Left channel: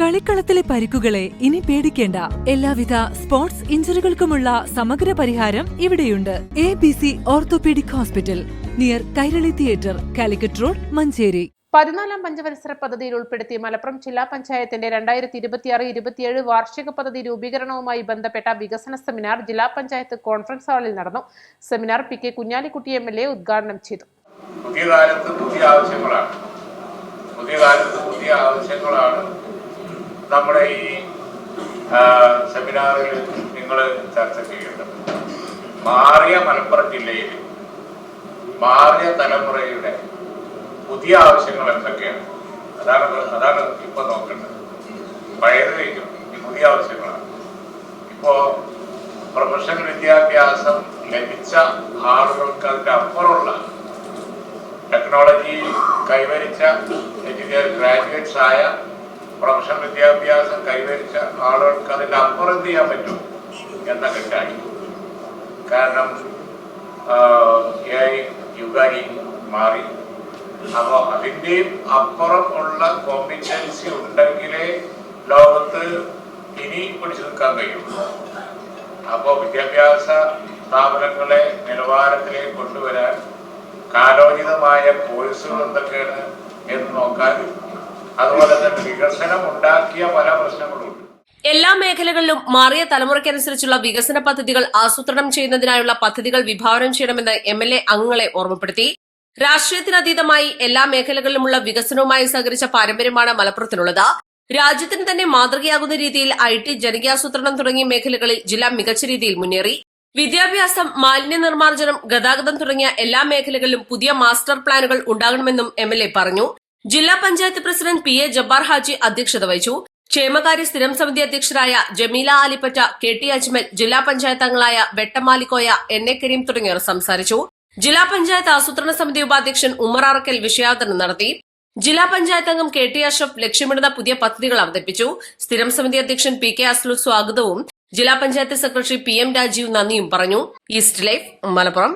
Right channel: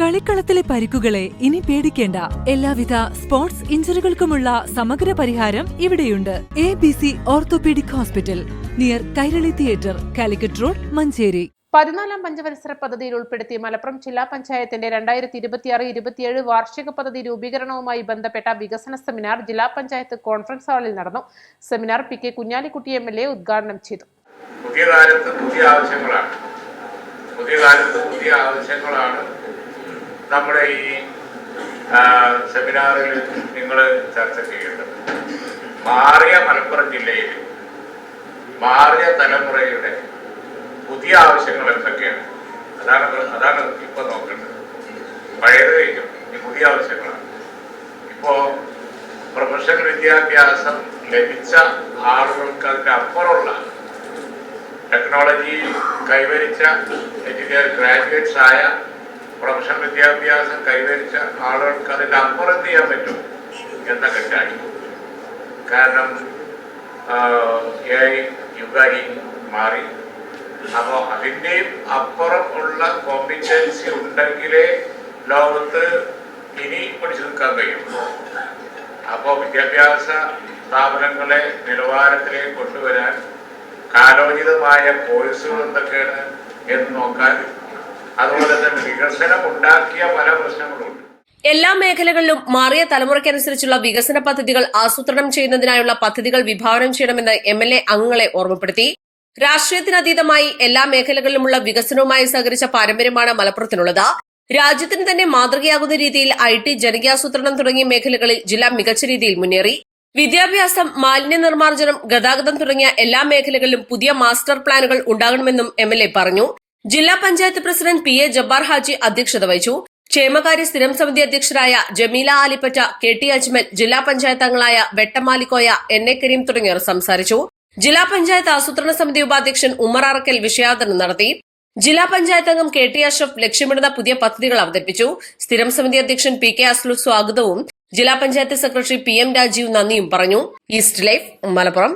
കളിക്കളത്തിലെ പരിക്കുകളെ ഇനി പേടിക്കേണ്ട. എല്ലാവിധ സ്പോർട്സ് ഇഞ്ചുറികൾക്കുമുള്ള സമഗ്ര പരിഹാരം ഇവിടെയുണ്ട്. ABC orthopaedic hospital, near Kairali theatre, Calicut road, Manjeri. 14ാം പഞ്ചവത്സര പദ്ധതിയിൽ ഉൾപ്പെടുത്തി മലപ്പുറം ജില്ലാ പഞ്ചായത്തിന്റെ 2026-27 വാർഷിക പദ്ധതി രൂപീകരണവുമായി ബന്ധപ്പെട്ട വികസന സെമിനാർ ജില്ലാ പഞ്ചായത്ത് കോൺഫറൻസ് ഹാളിൽ നടന്നു. സെമിനാർ PK കുഞ്ഞാലിക്കുട്ടി MLA ഉദ്ഘാടനം ചെയ്തു. പുതിയ കാലത്ത് പുതിയ ആവശ്യങ്ങളാണ് നമ്മുടെ ഈ സെമിനാറിൽ നിങ്ങൾ ചർച്ച ചെയ്യേണ്ടത്. മാറിയ മലപ്പുറം ജില്ലയിൽ മാറിയ തലമുറയുടെ പുതിയ ആവശ്യങ്ങൾ എന്തൊക്കെയാണ്, അതാണ് ഇപ്പൊ നോക്കേണ്ടത്. പഴയത് കഴിഞ്ഞു, ഈ പുതിയ ആവശ്യങ്ങളാണ്. ഇപ്പോ പ്രൊഫഷണൽ വിദ്യാഭ്യാസം ലഭിച്ച ആളുകൾക്ക് അതിന്റെ അപ്പുറമുള്ള ടെക്നോളജി കൈവരിച്ച ഗ്രാജുവേറ്റ്സ് ആയ പ്രൊഫഷണൽ വിദ്യാഭ്യാസം കൈവരിച്ച ആളുകൾക്ക് അതിന്റെ അപ്പുറം എന്ത് ചെയ്യാൻ പറ്റും എന്നൊക്കെ കാര്യം. കാരണം യുഗായി മാറി. അപ്പോൾ അതിൻ്റെയും അപ്പുറം ഉള്ള കോമ്പിറ്റൻസി ഉണ്ടെങ്കിലേ ലോകത്ത് ഇനി പിടിച്ചു നിൽക്കാൻ കഴിയുള്ളൂ. അപ്പോൾ വിദ്യാഭ്യാസ സ്ഥാപനങ്ങളെ നിലവാരത്തിലേക്ക് കൊണ്ടുവരാൻ കാലോചിതമായ കോഴ്സുകൾ എന്തൊക്കെയാണ് എന്ന് നോക്കാൻ, അതുപോലെ തന്നെ വികസനം ഉണ്ടാക്കിയ പല പ്രശ്നങ്ങളുണ്ട്. എല്ലാ മേഖലകളിലും മാറിയ തലമുറയ്ക്കനുസരിച്ചുള്ള വികസന പദ്ധതികൾ ആസൂത്രണം ചെയ്യുന്നതിനായുള്ള പദ്ധതികൾ വിഭാവനം ചെയ്യണമെന്ന് MLA അംഗങ്ങളെ ഓർമ്മപ്പെടുത്തി. രാഷ്ട്രീയത്തിനതീതമായി എല്ലാ മേഖലകളിലുമുള്ള വികസനവുമായി സഹകരിച്ച പാരമ്പര്യമാണ് മലപ്പുറത്തിനുള്ളത്. രാജ്യത്തിന് തന്നെ മാതൃകയാകുന്ന രീതിയിൽ IT, ജനകീയാസൂത്രണം തുടങ്ങിയ മേഖലകളിൽ ജില്ല മികച്ച രീതിയിൽ മുന്നേറി. വിദ്യാഭ്യാസം, മാലിന്യ നിർമ്മാർജ്ജനം, ഗതാഗതം തുടങ്ങിയ എല്ലാ മേഖലകളിലും പുതിയ മാസ്റ്റർ പ്ലാനുകൾ ഉണ്ടാകണമെന്നും MLA പറഞ്ഞു. ജില്ലാ പഞ്ചായത്ത് പ്രസിഡന്റ് PA ജബ്ബാർ ഹാജി അധ്യക്ഷത വഹിച്ചു. ക്ഷേമകാര്യ സ്ഥിരം സമിതി അധ്യക്ഷരായ ജമീല ആലിപ്പറ്റ, KT അജ്മൽ, ജില്ലാ പഞ്ചായത്ത് അംഗങ്ങളായ വെട്ടമാലിക്കോയ, NA കരീം തുടങ്ങിയവർ സംസാരിച്ചു. ജില്ലാ പഞ്ചായത്ത് ആസൂത്രണ സമിതി ഉപാധ്യക്ഷൻ ഉമ്മർ അറക്കൽ വിഷയാവതരണം നടത്തി. ജില്ലാ പഞ്ചായത്ത് അംഗം KT അഷ്റഫ് ലക്ഷ്യമിടുന്ന പുതിയ പദ്ധതികൾ അവതരിപ്പിച്ചു. സ്ഥിരം സമിതി അധ്യക്ഷൻ PK അസ്ലു സ്വാഗതവും ജില്ലാ പഞ്ചായത്ത് സെക്രട്ടറി PM രാജീവ് നന്ദിയും പറഞ്ഞു. East life, Malappuram.